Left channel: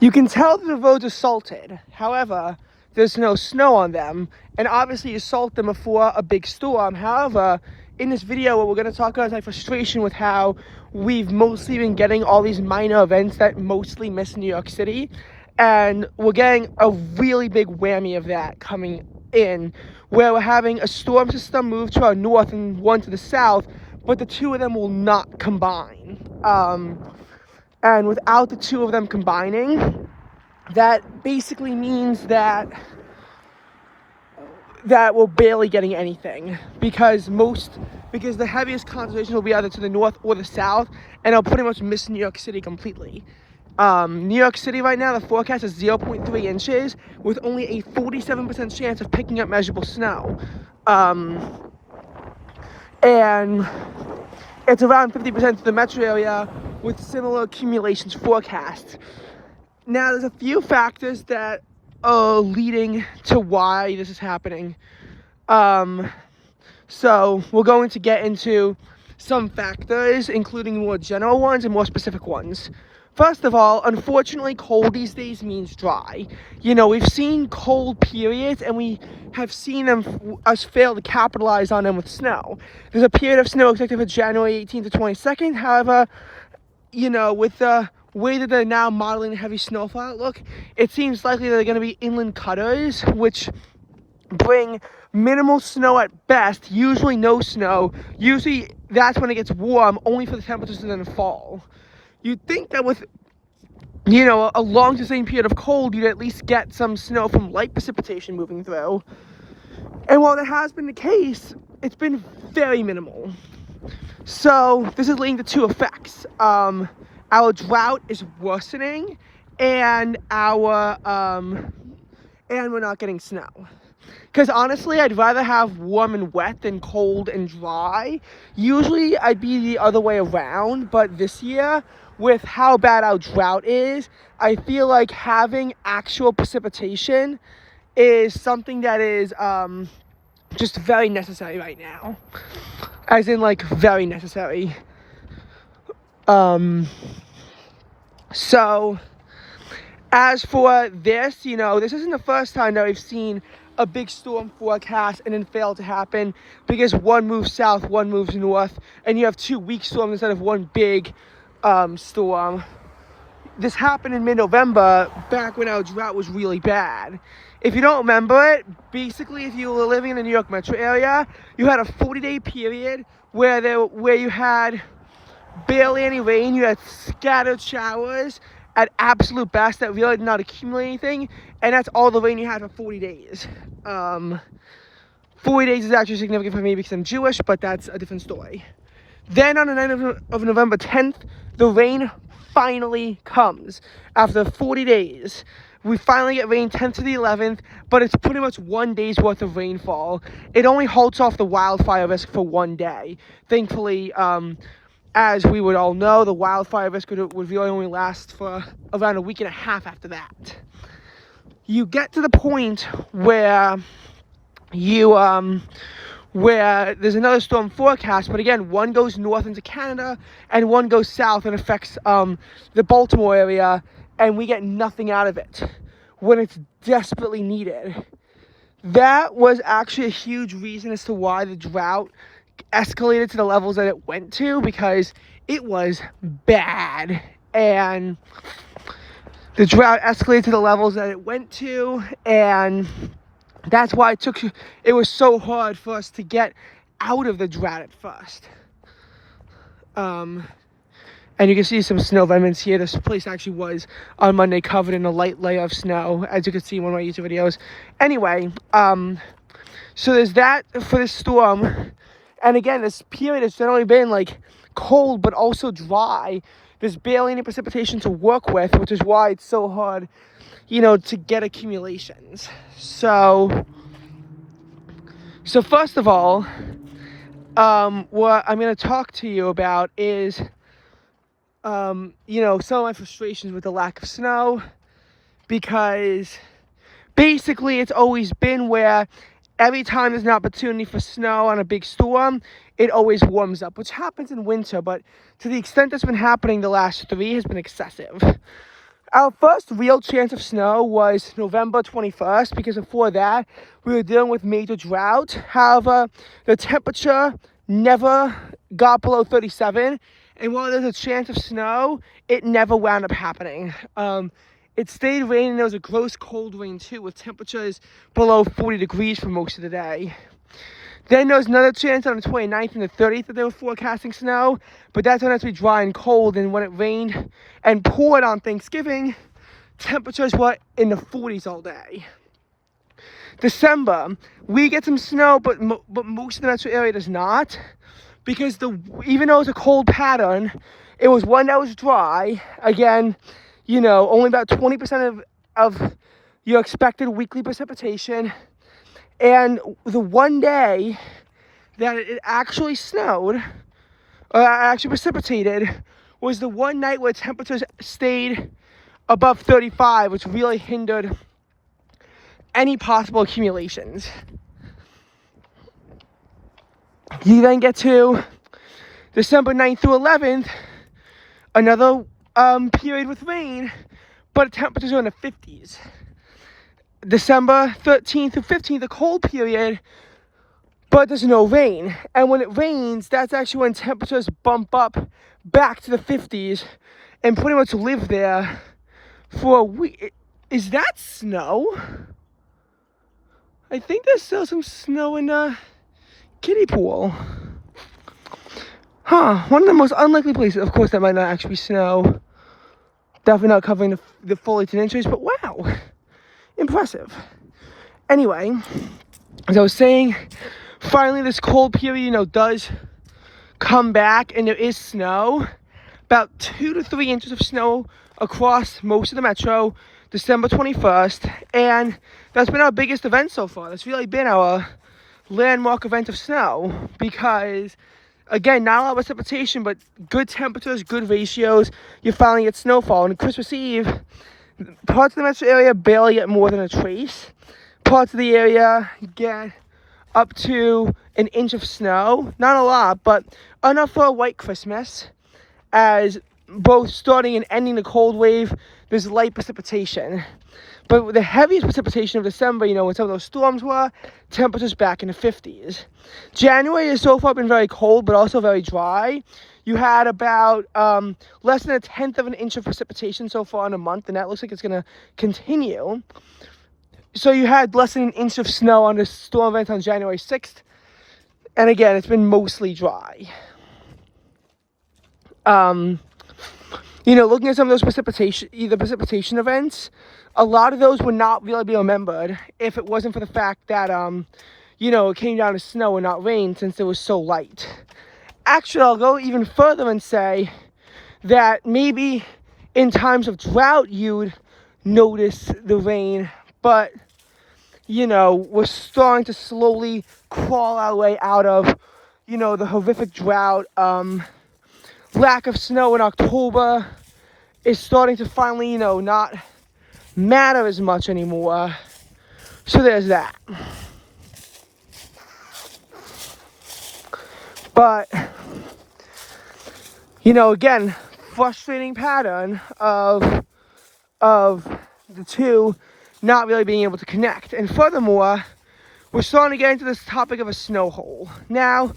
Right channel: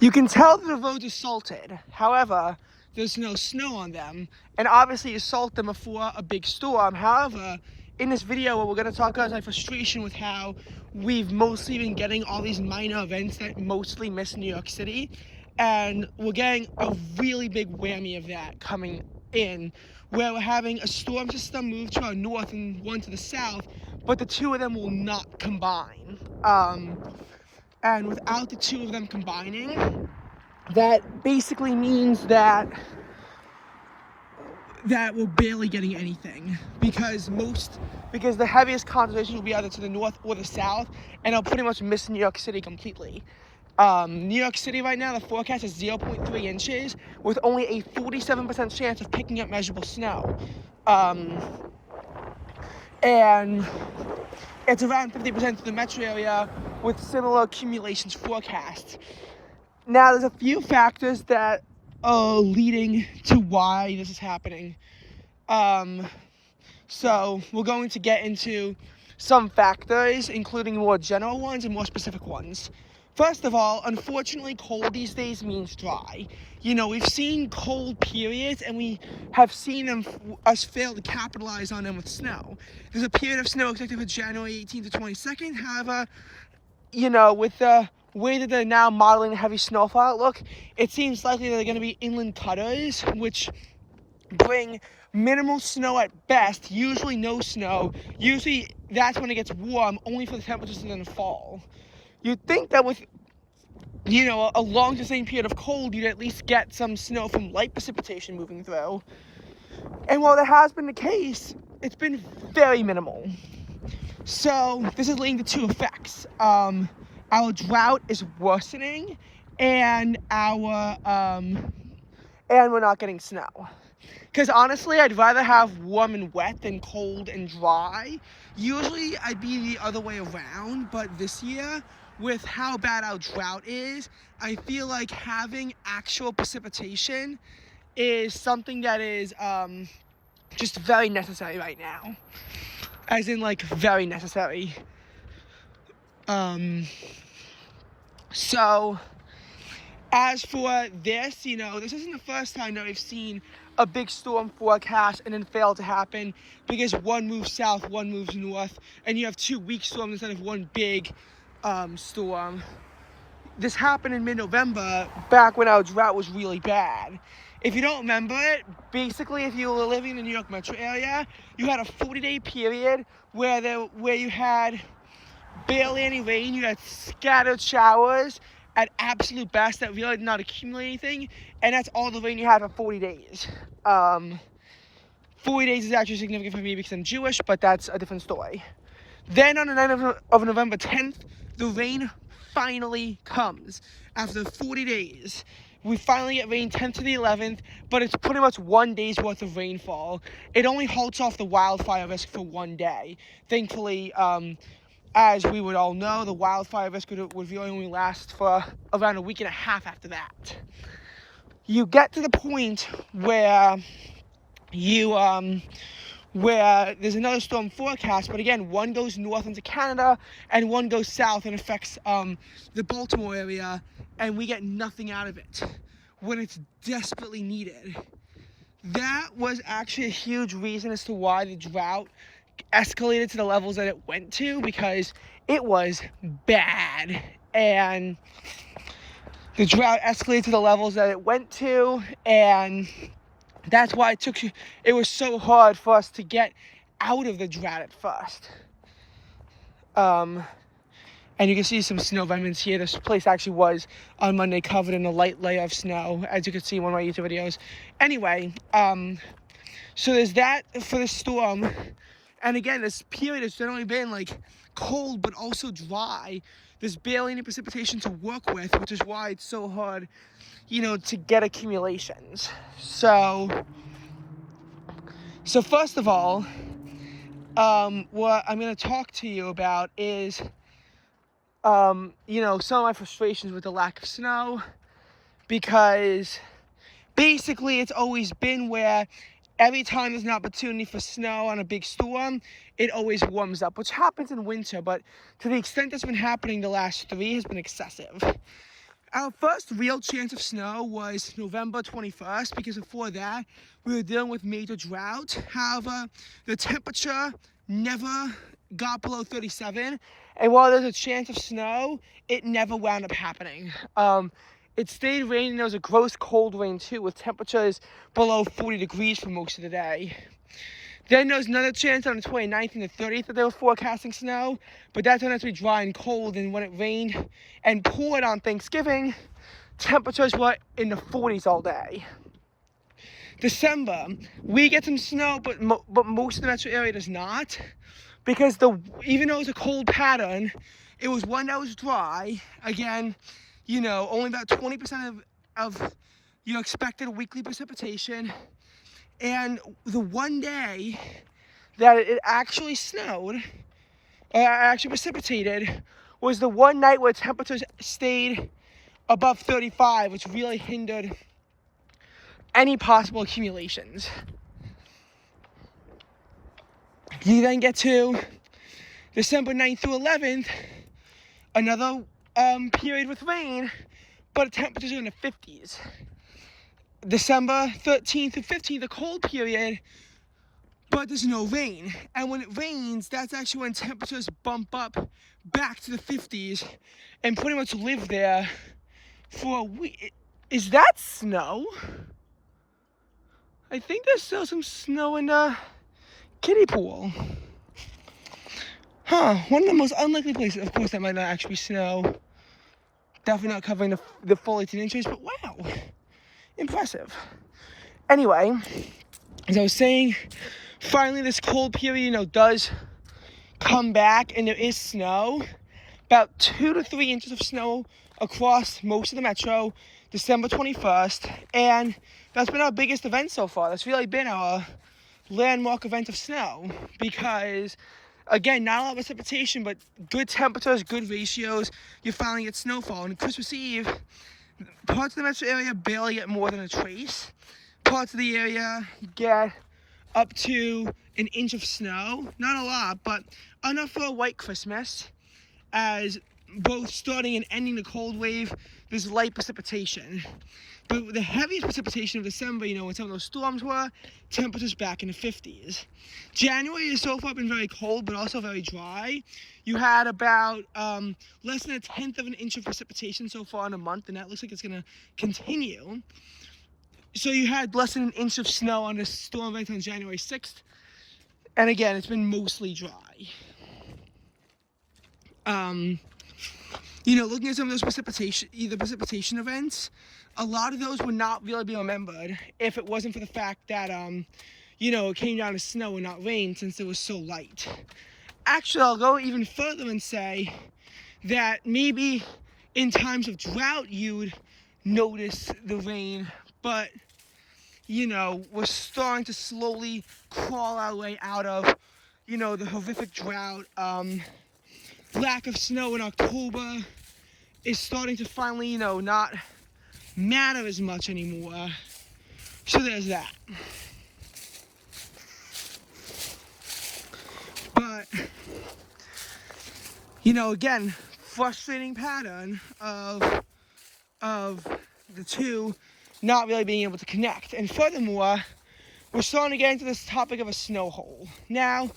You can tell that the roads are salted. However, there's no snow on them. And obviously you salt them before a big storm. However, in this video, what we're going to talk about is my frustration with how we've mostly been getting all these minor events that mostly miss New York City. And we're getting a really big whammy of that coming in, where we're having a storm system move to our north and one to the south, but the two of them will not combine. And without the two of them combining, that basically means that we're barely getting anything, because the heaviest concentration will be either to the north or the south, and it'll pretty much miss New York City completely. New York City right now, the forecast is 0.3 inches with only a 47% chance of picking up measurable snow. And it's around 50% of the metro area with similar accumulations forecast. Now, there's a few factors that are leading to why this is happening. So we're going to get into some factors, including more general ones and more specific ones. First of all, unfortunately, cold these days means dry. You know, we've seen cold periods, and we have seen us fail to capitalize on them with snow. There's a period of snow expected for January 18th to 22nd. However, you know, with the way that they're now modeling a heavy snowfall outlook, it seems likely that they're going to be inland cutters, which bring minimal snow at best, usually no snow. Usually that's when it gets warm, only for the temperatures to then fall. You'd think that with, you know, a long sustained period of cold, you'd at least get some snow from light precipitation moving through. And while that has been the case, it's been very minimal. So this is leading to two effects. Our drought is worsening, and we're not getting snow. Because honestly, I'd rather have warm and wet than cold and dry. Usually I'd be the other way around, but this year, with how bad our drought is, I feel like having actual precipitation is something that is just very necessary right now. As in, like, very necessary. So, as for this, you know, this isn't the first time that we've seen a big storm forecast and then fail to happen, because one moves south, one moves north, and you have two weak storms instead of one big storm. This happened in mid-November, back when our drought was really bad. If you don't remember it, basically, if you were living in the New York metro area, you had a 40-day period where you had barely any rain. You had scattered showers at absolute best that really did not accumulate anything, and that's all the rain you had for 40 days. 40 days is actually significant for me because I'm Jewish, but that's a different story. Then on the night of November 10th, the rain finally comes. After 40 days, we finally get rain 10th to the 11th, but it's pretty much 1 day's worth of rainfall. It only halts off the wildfire risk for 1 day. Thankfully, as we would all know, the wildfire risk would really only last for around a week and a half after that. You get to the point where where there's another storm forecast, but again, one goes north into Canada and one goes south and affects the Baltimore area, and we get nothing out of it when it's desperately needed. That was actually a huge reason as to why the drought escalated to the levels that it went to, because it was bad, and the drought escalated to the levels that it went to, and that's why it was so hard for us to get out of the drought at first. And you can see some snow remnants here. This place actually was on Monday covered in a light layer of snow, as you can see in one of my YouTube videos. Anyway, so there's that for this storm. And again, this period has generally been like cold but also dry. There's barely any precipitation to work with, which is why it's so hard, you know, to get accumulations. So first of all, what I'm going to talk to you about is, you know, some of my frustrations with the lack of snow, because basically it's always been where every time there's an opportunity for snow on a big storm, it always warms up, which happens in winter, but to the extent that's been happening the last 3 has been excessive. Our first real chance of snow was November 21st, because before that, we were dealing with major drought. However, the temperature never got below 37, and while there's a chance of snow, it never wound up happening. It stayed raining. There was a gross cold rain too, with temperatures below 40 degrees for most of the day. Then there was another chance on the 29th and the 30th that they were forecasting snow, but that's when it's to be dry and cold, and when it rained and poured on Thanksgiving, temperatures were in the 40s all day. December, we get some snow, but most of the metro area does not, because even though it's a cold pattern, it was one that was dry. Again, you know, only about 20% of your expected weekly precipitation. And the one day that it actually snowed, or actually precipitated, was the one night where temperatures stayed above 35, which really hindered any possible accumulations. You then get to December 9th through 11th, another period with rain, but temperatures are in the 50s. December 13th through 15th, a cold period, but there's no rain. And when it rains, that's actually when temperatures bump up back to the 50s and pretty much live there for a week. Is that snow? I think there's still some snow in the kiddie pool. One of the most unlikely places. Of course, that might not actually be snow. Definitely not covering the full 18 inches, but wow. Impressive. Anyway, as I was saying, finally this cold period, you know, does come back, and there is snow. About 2 to 3 inches of snow across most of the metro, December 21st, and that's been our biggest event so far. That's really been our landmark event of snow, because again, not a lot of precipitation, but good temperatures, good ratios. You finally get snowfall. And Christmas Eve, parts of the metro area barely get more than a trace. Parts of the area get up to an inch of snow. Not a lot, but enough for a white Christmas. As both starting and ending the cold wave, there's light precipitation. But the heaviest precipitation of December, you know, when some of those storms were, temperatures back in the 50s. January has so far been very cold, but also very dry. You had about less than 1/10 of an inch of precipitation so far in a month, and that looks like it's going to continue. So you had less than an inch of snow on this storm event on January 6th. And again, it's been mostly dry. You know, looking at some of those precipitation events, a lot of those would not really be remembered if it wasn't for the fact that, you know, it came down to snow and not rain, since it was so light. Actually, I'll go even further and say that maybe in times of drought, you'd notice the rain, but, you know, we're starting to slowly crawl our way out of, you know, the horrific drought. Lack of snow in October is starting to finally, you know, not matter as much anymore. So there's that. But, you know, again, frustrating pattern of the two not really being able to connect. And furthermore, we're starting to get into this topic of a snow hole. Now,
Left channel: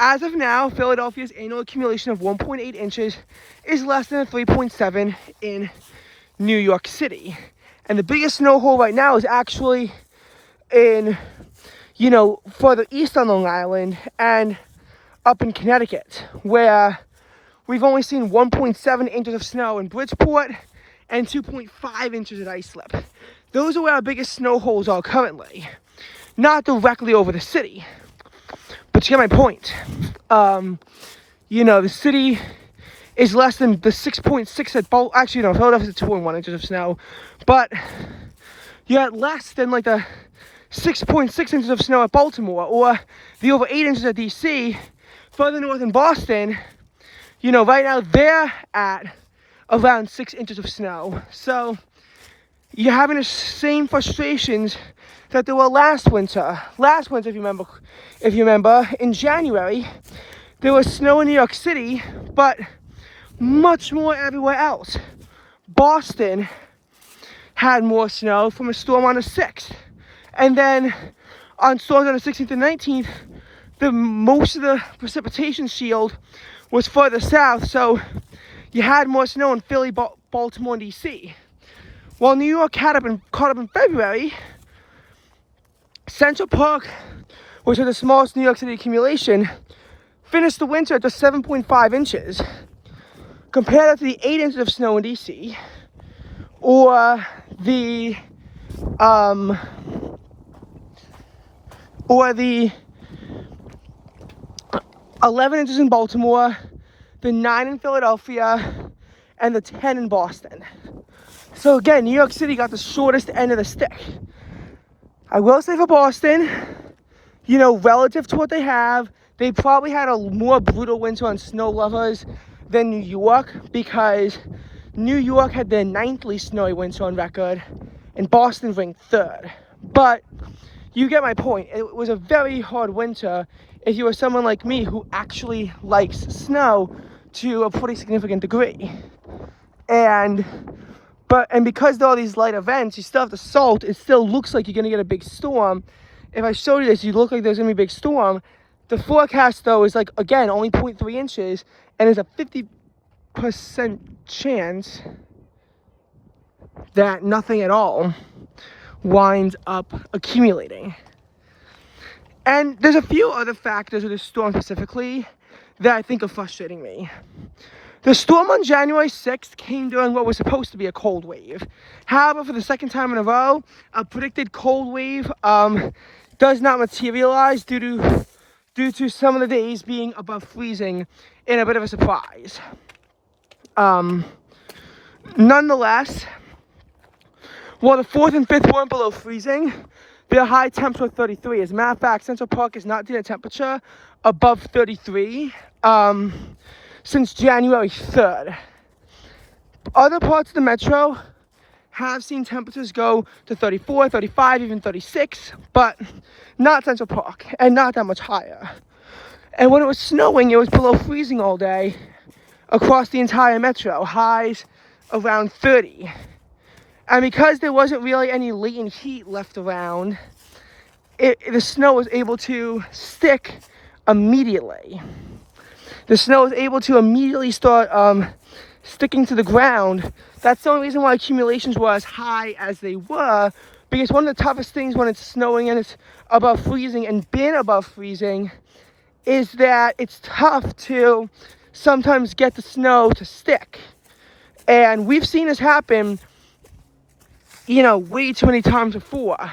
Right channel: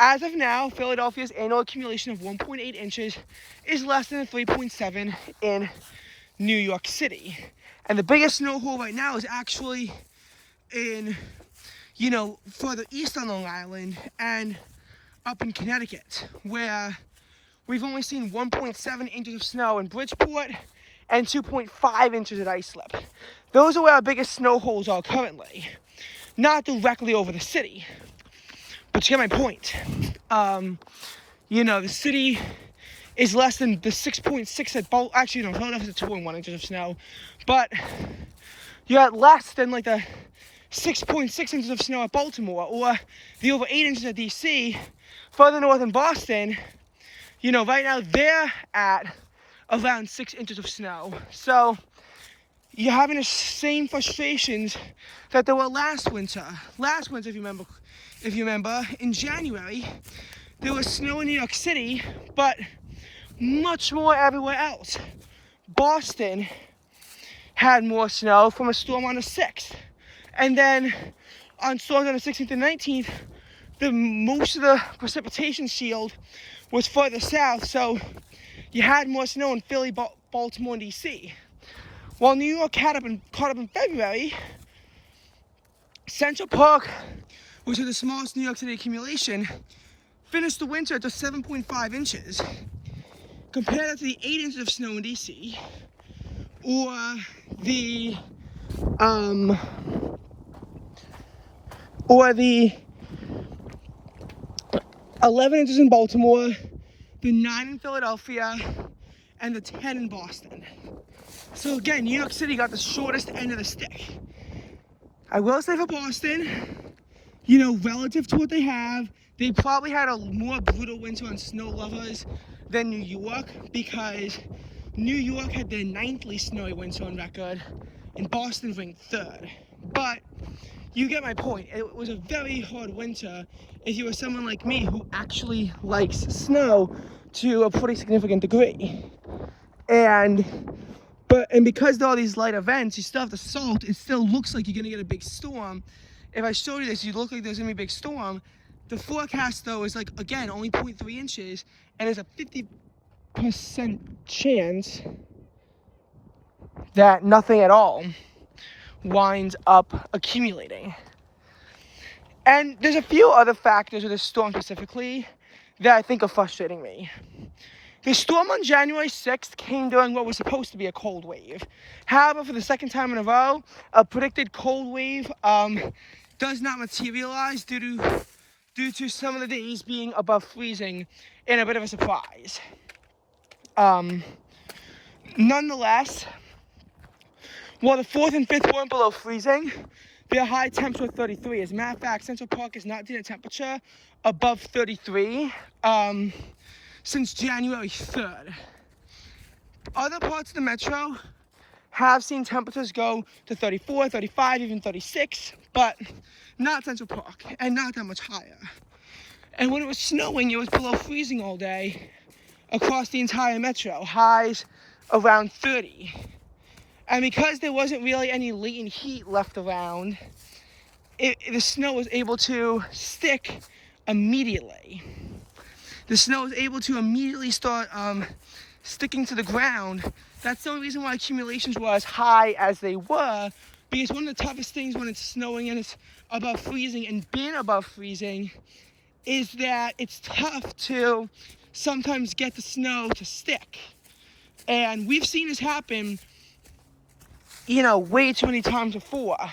as of now, Philadelphia's annual accumulation of 1.8 inches is less than a 3.7 in New York City. And the biggest snow hole right now is actually in, you know, further east on Long Island and up in Connecticut, where we've only seen 1.7 inches of snow in Bridgeport and 2.5 inches at Islip. Those are where our biggest snow holes are currently, not directly over the city. But you get my point. You know, the city is less than the 6.6 at Baltimore. Actually, no, Philadelphia's at 2.1 inches of snow. But you're at less than like the 6.6 inches of snow at Baltimore, or the over 8 inches at DC. Further north in Boston, you know, right now they're at around 6 inches of snow. So you're having the same frustrations that there were last winter. Last winter, if you remember, in January, there was snow in New York City, but much more everywhere else. Boston had more snow from a storm on the 6th. And then on storms on the 16th and 19th, most of the precipitation shield was further south, so you had more snow in Philly, Baltimore, and DC. While New York caught up in February, Central Park, which had the smallest New York City accumulation, finished the winter at just 7.5 inches. Compare that to the 8 inches of snow in DC, or the 11 inches in Baltimore, the 9 in Philadelphia, and the 10 in Boston. So again, New York City got the shortest end of the stick. I will say for Boston, relative to what they have, they probably had a more brutal winter on snow lovers than New York, because New York had their 9th least snowy winter on record, and Boston ranked 3rd. But you get my point. It was a very hard winter if you were someone like me who actually likes snow to a pretty significant degree. And because there are these light events, you still have the salt. It still looks like you're going to get a big storm. If I showed you this, you'd look like there's going to be a big storm. The forecast, though, is like, again, only 0.3 inches, and there's a 50% chance that nothing at all winds up accumulating. And there's a few other factors with this storm specifically that I think are frustrating me. The storm on January 6th came during what was supposed to be a cold wave. However, for the second time in a row, a predicted cold wave does not materialize due to some of the days being above freezing, in a bit of a surprise. Nonetheless, while the 4th and 5th weren't below freezing, their high temps were 33. As a matter of fact, Central Park has not seen a temperature above 33 since January 3rd. Other parts of the metro have seen temperatures go to 34, 35, even 36, but not Central Park, and not that much higher. And when it was snowing, it was below freezing all day across the entire metro, highs around 30. And because there wasn't really any latent heat left around, the snow was able to stick immediately. The snow was able to immediately start sticking to the ground. That's the only reason why accumulations were as high as they were, because one of the toughest things when it's snowing and it's above freezing and been above freezing is that it's tough to sometimes get the snow to stick. And we've seen this happen, way too many times before.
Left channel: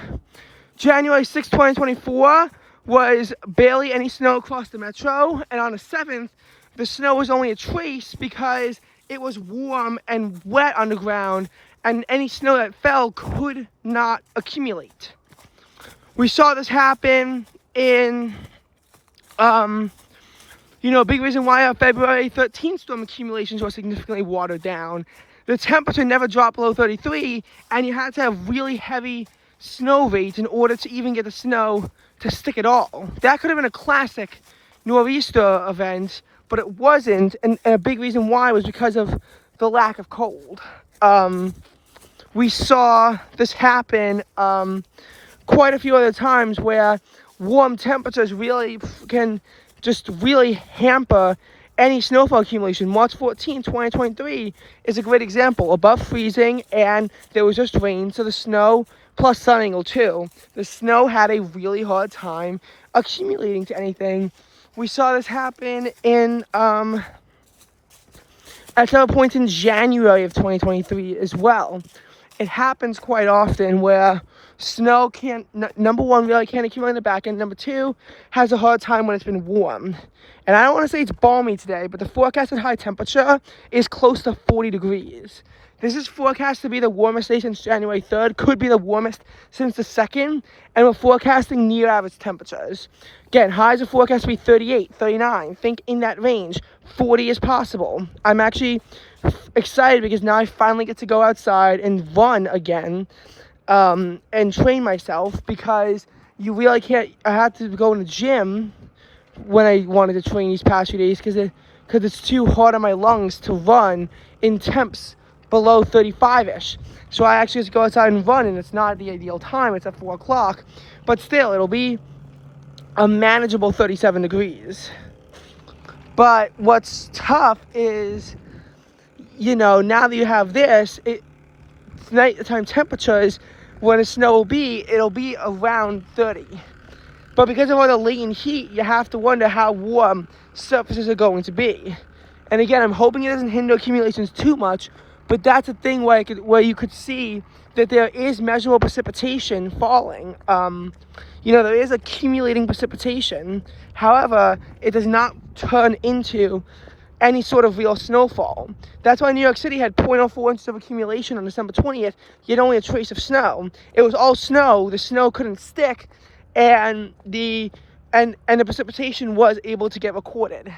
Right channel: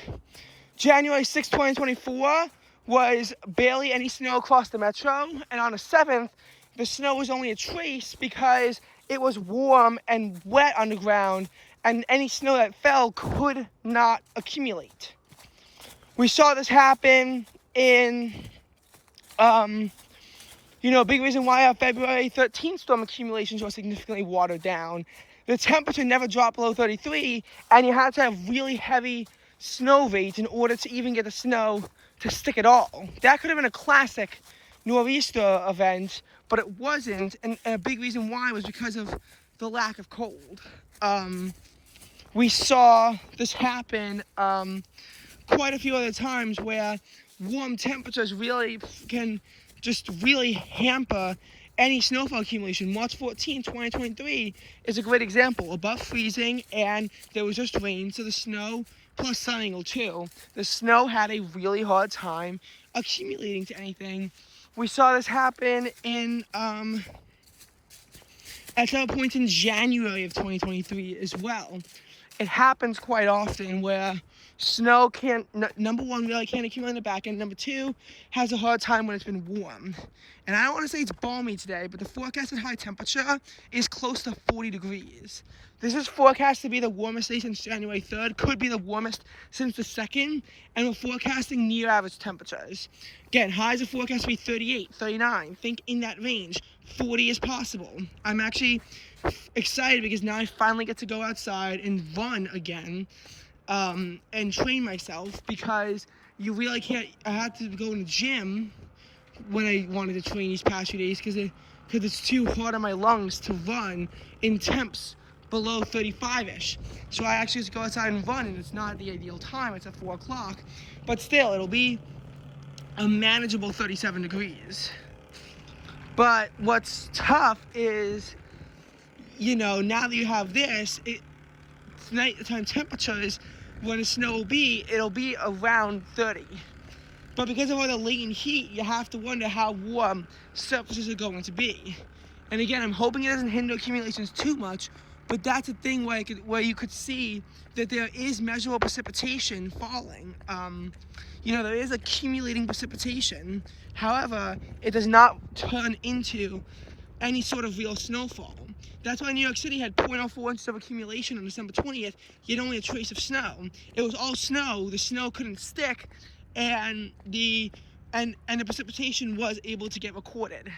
January 6, 2024 was barely any snow across the metro, and on the 7th, the snow was only a trace because it was warm and wet underground, and any snow that fell could not accumulate. We saw this happen in, a big reason why our February 13th storm accumulations were significantly watered down. The temperature never dropped below 33, and you had to have really heavy snow rates in order to even get the snow to stick at all. That could have been a classic nor'easter event, but it wasn't, and a big reason why was because of the lack of cold. We saw this happen quite a few other times where warm temperatures really can just really hamper any snowfall accumulation. March 14, 2023 is a great example. Above freezing, and there was just rain, so the snow, plus sun angle too, the snow had a really hard time accumulating to anything. We saw this happen at some point in January of 2023 as well. It happens quite often where snow number one, really can't accumulate in the back end. Number two, has a hard time when it's been warm. And I don't want to say it's balmy today, but the forecasted high temperature is close to 40 degrees. This is forecast to be the warmest day since January 3rd, could be the warmest since the 2nd, and we're forecasting near average temperatures. Again, highs are forecast to be 38, 39, think in that range. 40 is possible. I'm actually excited because now I finally get to go outside and run again and train myself, because you really can't. I had to go in the gym when I wanted to train these past few days because it's too hard on my lungs to run in temps below 35-ish. So I actually just go outside and run, and it's not the ideal time. It's at 4 o'clock. But still, it'll be a manageable 37 degrees. But what's tough is, now that you have this, nighttime temperatures, when the snow will be, it'll be around 30. But because of all the latent heat, you have to wonder how warm surfaces are going to be. And again, I'm hoping it doesn't hinder accumulations too much, but that's a thing where you could see that there is measurable precipitation falling. There is accumulating precipitation. However, it does not turn into any sort of real snowfall. That's why New York City had 0.04 inches of accumulation on December 20th, yet only a trace of snow. It was all snow. The snow couldn't stick, and the precipitation was able to get recorded.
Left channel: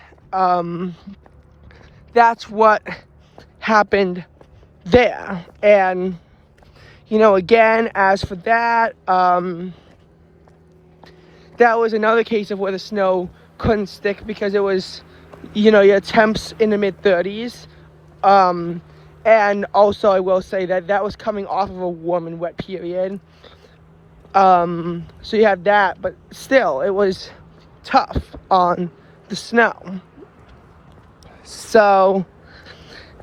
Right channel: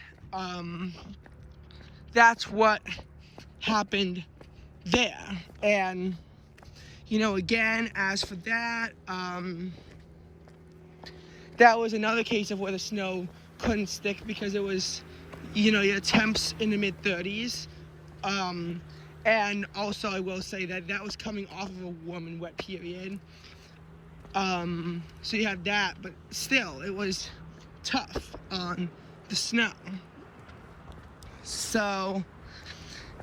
That's what happened there. And again, as for that, that was another case of where the snow couldn't stick because it was, your temps in the mid 30s. And also I will say that was coming off of a warm and wet period. So you had that, but still it was tough on the snow. So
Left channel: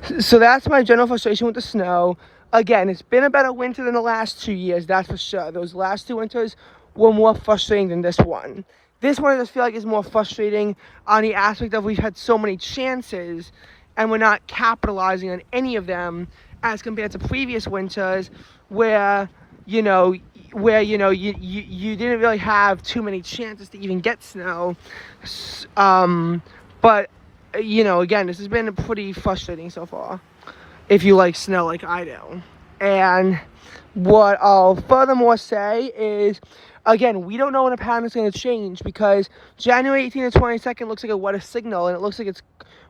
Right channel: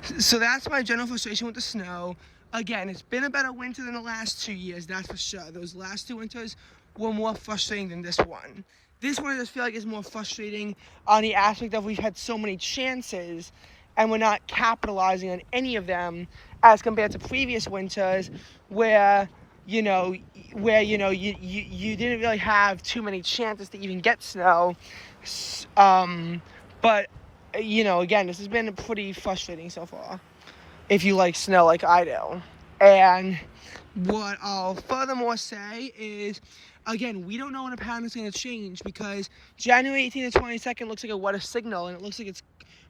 that's my general frustration with the snow. Again, it's been a better winter than the last 2 years, that's for sure. Those last 2 winters were more frustrating than this one. This one I just feel like is more frustrating on the aspect of we've had so many chances and we're not capitalizing on any of them as compared to previous winters where you didn't really have too many chances to even get snow. But again, this has been pretty frustrating so far if you like snow like I do. And what I'll furthermore say is, again, we don't know when a pattern is going to change because January 18th to 22nd looks like a weather signal, and it looks like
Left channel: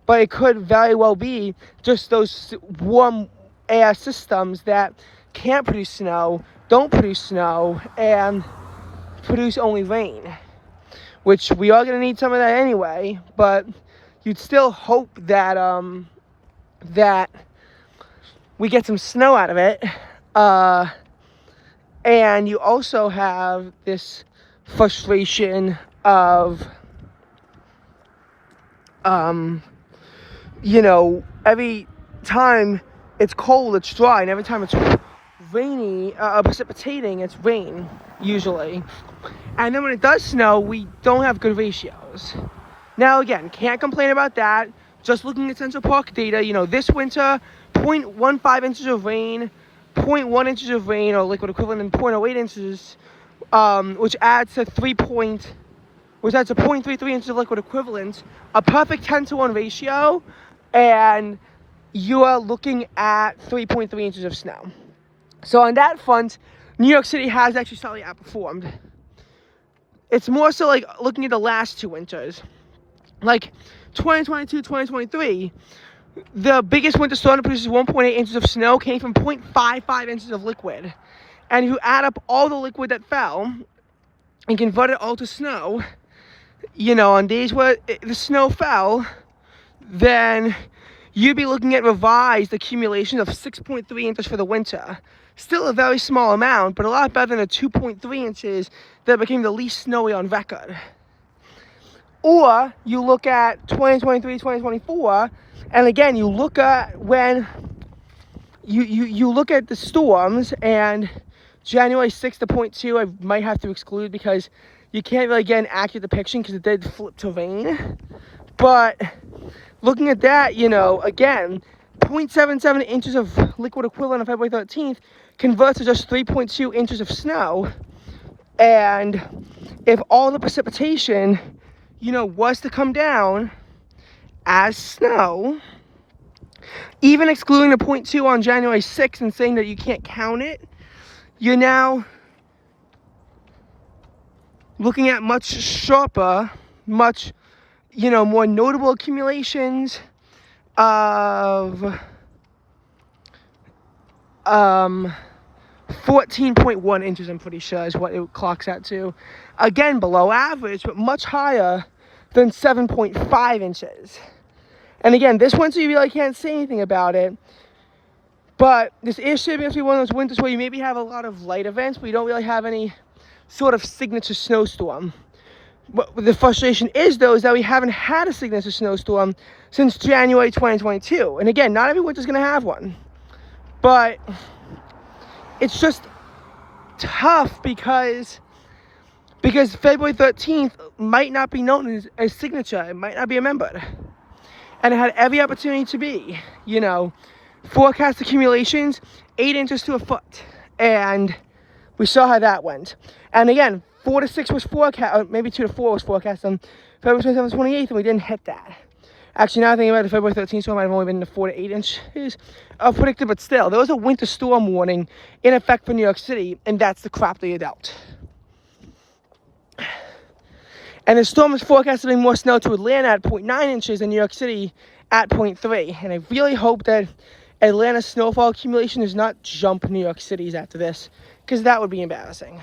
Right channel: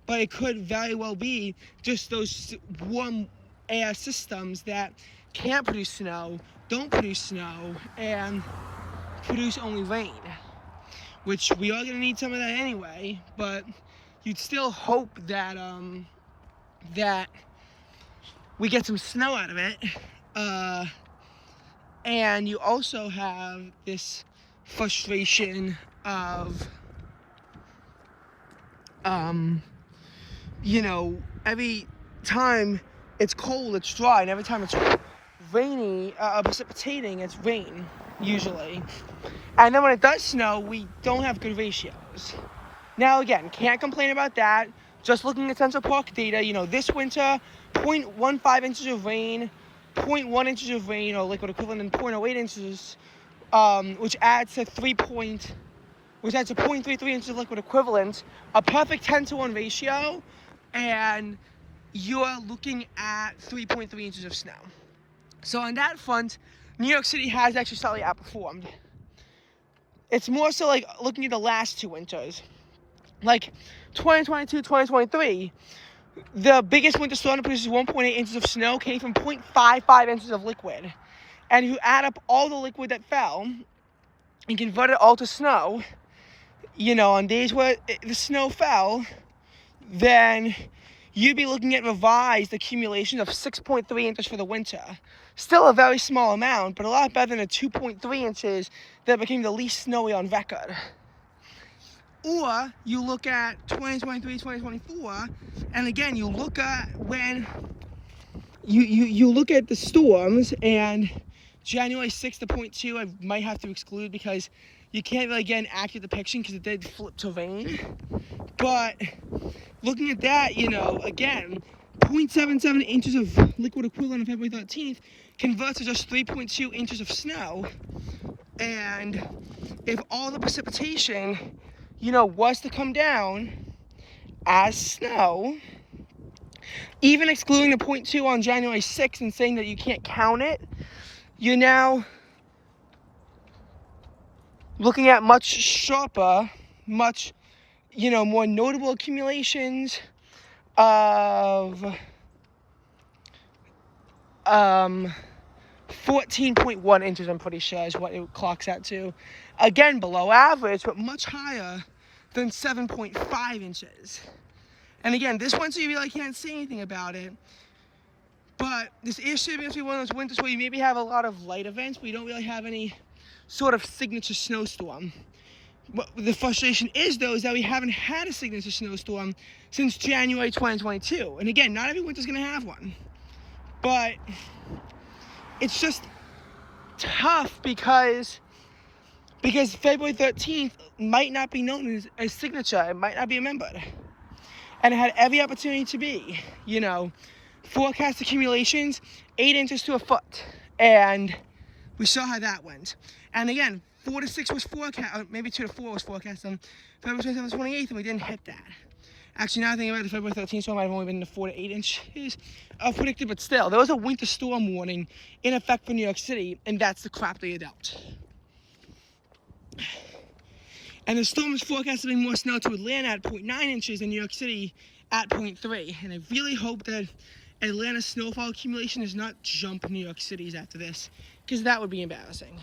but it could very well be just those warm air systems that can't produce snow, don't produce snow, and produce only rain, which we are going to need some of that anyway, but you'd still hope that that we get some snow out of it. And you also have this frustration of every time it's cold, it's dry, and every time it's rainy, precipitating, it's rain, usually. And then when it does snow, we don't have good ratios. Now, again, can't complain about that. Just looking at Central Park data, this winter, 0.15 inches of rain, 0.1 inches of rain, or liquid equivalent, and 0.08 inches, which adds to 0.33 inches of liquid equivalent, a perfect 10-to-1 ratio, and you are looking at 3.3 inches of snow. So on that front, New York City has actually slightly outperformed. It's more so like looking at the last 2 winters. Like 2022, 2023, the biggest winter storm that produces 1.8 inches of snow came from 0.55 inches of liquid. And you add up all the liquid that fell and convert it all to snow, on days where the snow fell, then you'd be looking at revised accumulation of 6.3 inches for the winter. Still a very small amount, but a lot better than the 2.3 inches that became the least snowy on record. Or you look at 2023, 2024, and again, you look at when you look at the storms, and January 6th to 0.2, I might have to exclude because you can't really get an accurate depiction because it did flip to rain. But looking at that, again, 0.77 inches of liquid equivalent on February 13th converts to just 3.2 inches of snow. And if all the precipitation, was to come down as snow, even excluding the 0.2 on January 6th and saying that you can't count it, you're now looking at much sharper, much, more notable accumulations of 14.1 inches, I'm pretty sure, is what it clocks out to. Again, below average, but much higher than 7.5 inches. And again, this winter you really can't say anything about it But this is shaping up to be one of those winters where you maybe have a lot of light events, but you don't really have any sort of signature snowstorm. What the frustration is, though, is that we haven't had a signature snowstorm since January 2022. And again, not every winter's going to have one. But it's just tough because February 13th might not be known as a signature. It might not be remembered. And it had every opportunity to be. You know, forecast accumulations, 8 inches to a foot. And we saw how that went. And again, 4 to 6 was forecast, or maybe 2 to 4 was forecast on February 27th, 28th, and we didn't hit that. Actually, now thinking about it, the February 13th storm might have only been the 4 to 8 inches of predicted, but still, there was a winter storm warning in effect for New York City, and that's the crap they dealt. And the storm is forecast to bring more snow to Atlanta at 0.9 inches and New York City at 0.3. And I really hope that Atlanta's snowfall accumulation does not jump New York City's after this, because that would be embarrassing.